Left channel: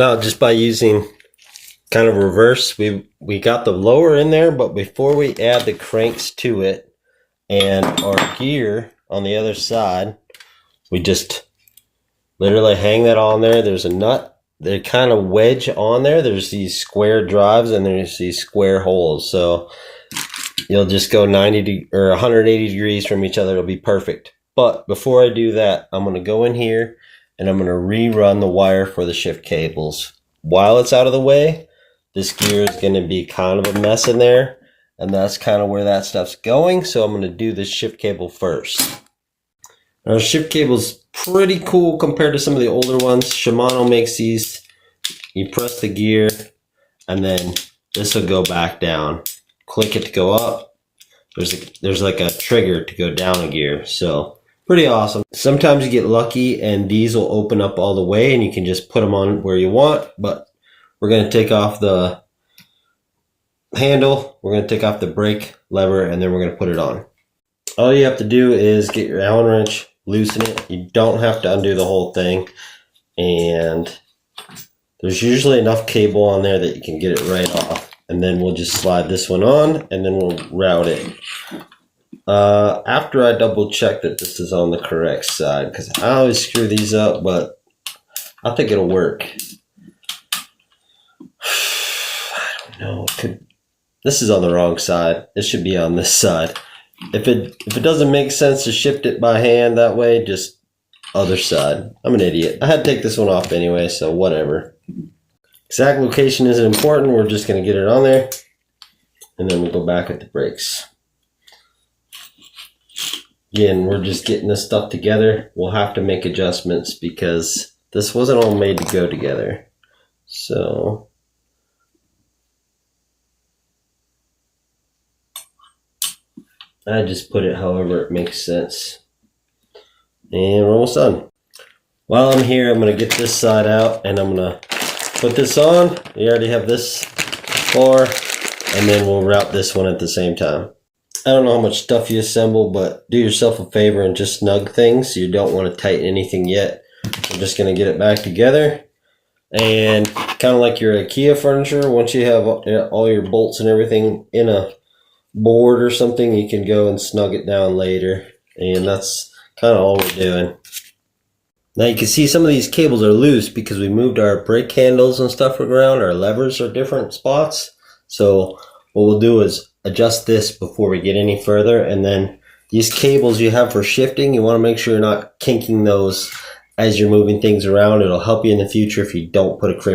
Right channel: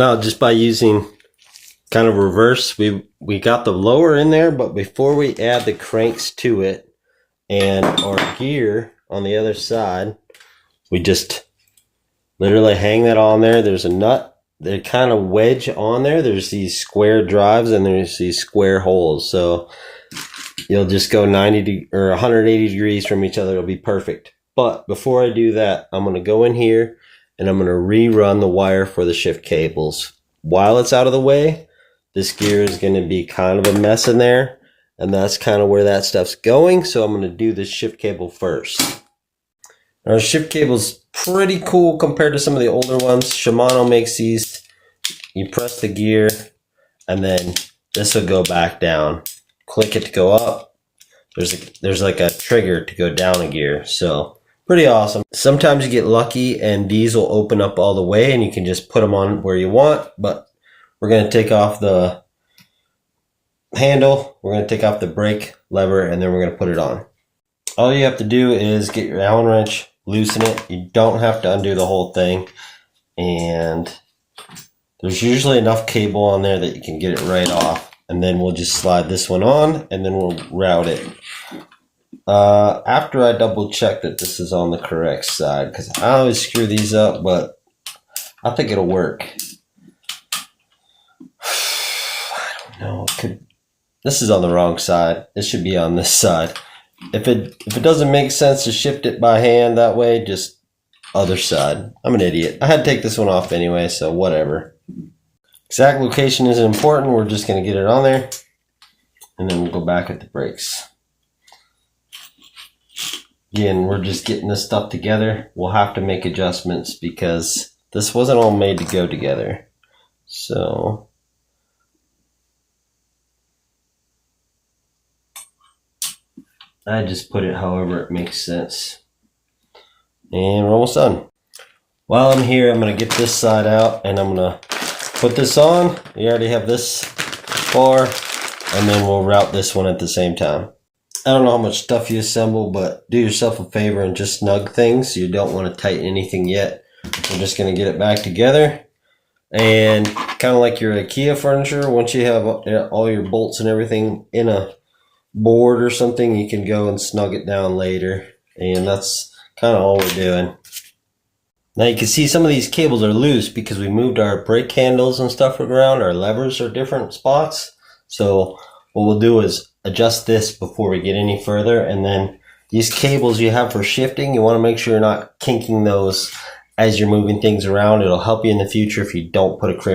Now, just by using kind of reverse, we got the lower in there, but before we add the cranks to it and our gear on the other side, we just literally hang that on there. There's a nut. They kind of wedge on there. There's these square drives and there's these square holes. So you'll just go 180 degrees from each other. It'll be perfect. But before I do that, I'm going to go in here and I'm going to rerun the wire for the shift cables. While it's out of the way, this gear is going to be kind of a mess in there. And that's kind of where that stuff's going. So I'm going to do this shift cable first. Our shift cable's pretty cool compared to some of the older ones. Shimano makes these. You press the gear and then this will go back down. Click it to go up. There's like a trigger to go down a gear. So pretty awesome. Sometimes you get lucky and these will open up all the way and you can just put them on where you want. But we're going to take off the handle. We're going to take off the brake lever and then we're going to put it on. All you have to do is get your Allen wrench, loosen it. You don't have to undo the whole thing. And there's usually enough cable on there that you can get it right off. And then we'll just slide this one on and then we'll route it. After I double check that this is on the correct side, because I always screw these up, but I think it'll work. I don't know. This is on the wrong side. It should be on this side. If it doesn't make sense to shift it by hand that way, just other side. I'm an idiot. I had to take this one off anyway, so whatever. Exact location isn't important. We're just going to get it on there. And then we'll go back at the brakes. Again, we're just getting this stuff together. We'll have to make adjustments because this wasn't all made to go together. So I just put it however it makes sense. And we're almost done. While I'm here, I'm going to get this side out and I'm going to put this on. You already have this bar, and then we'll route this one at the same time. I don't know how much stuff you assemble, but do yourself a favor and just snug things. You don't want to tighten anything yet. We're just going to get it back together. And kind of like your IKEA furniture, once you have all your bolts and everything in a board or something, you can go and snug it down later. And that's kind of all we're doing. Now you can see some of these cables are loose because we moved our brake handles and stuff around. Our levers are different spots. So what we'll do is adjust this before we get any further. And then these cables you have for shifting, you want to make sure you're not kinking those as you're moving things around. It'll help you in the future if you don't put a crimp